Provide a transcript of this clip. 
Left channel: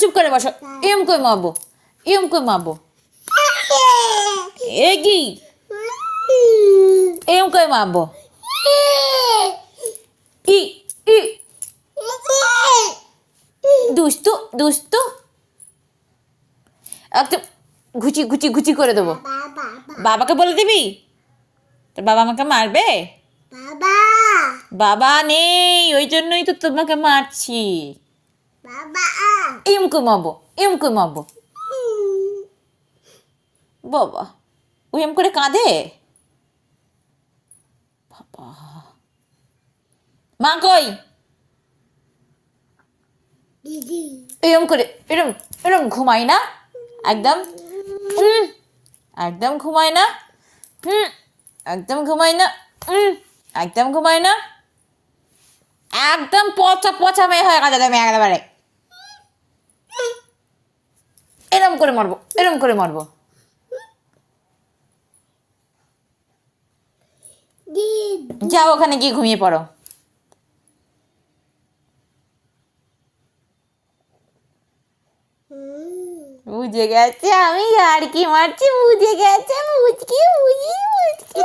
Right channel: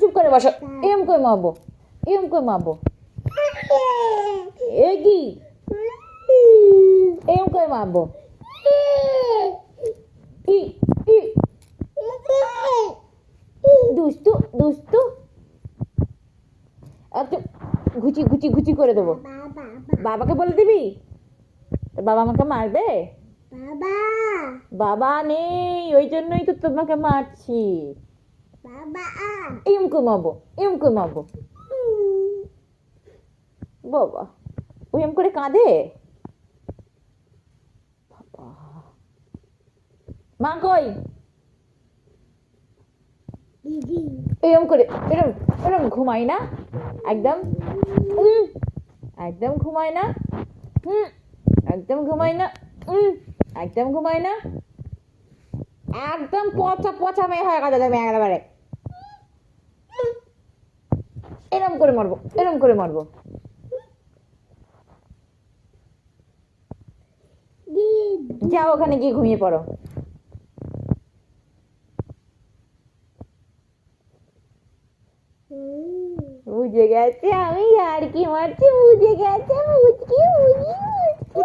চুপ করে বসো। এরম করে মারবো, এরম করে মারবো। এ কি এরম করে মারবো। ই ই দুষ্টু দুষ্টু, একদম ঘুচি ঘুচি ঘুচি করে দেবো। বাবাকে বলে দিবি? তোর বাবা আমাকে মারবে? বাবা নেই, ওই জন্যই তো তোমাকে মারছি। এম করে মারবো, এম করে মারবো। বাবা ও এম করে কাঁদে। বাবা মা কই? এরম করে এরম এরম ঘুমাই না একদম, একদম ঘুমায় না, একদম ঘুমায় না, একদম ঘুমায় না, একদম পচা পচা মেয়ে হয়ে গেছে তুমি একেবারে। এরম করে মারবো, এরম করে মারবো। যাও ওখানে গিয়ে ঘুমিয়ে পড়ো। বুঝে গেছে আমি আর কি মারছি, বুঝে গেছে, মুচকি মুচকি মুচকি।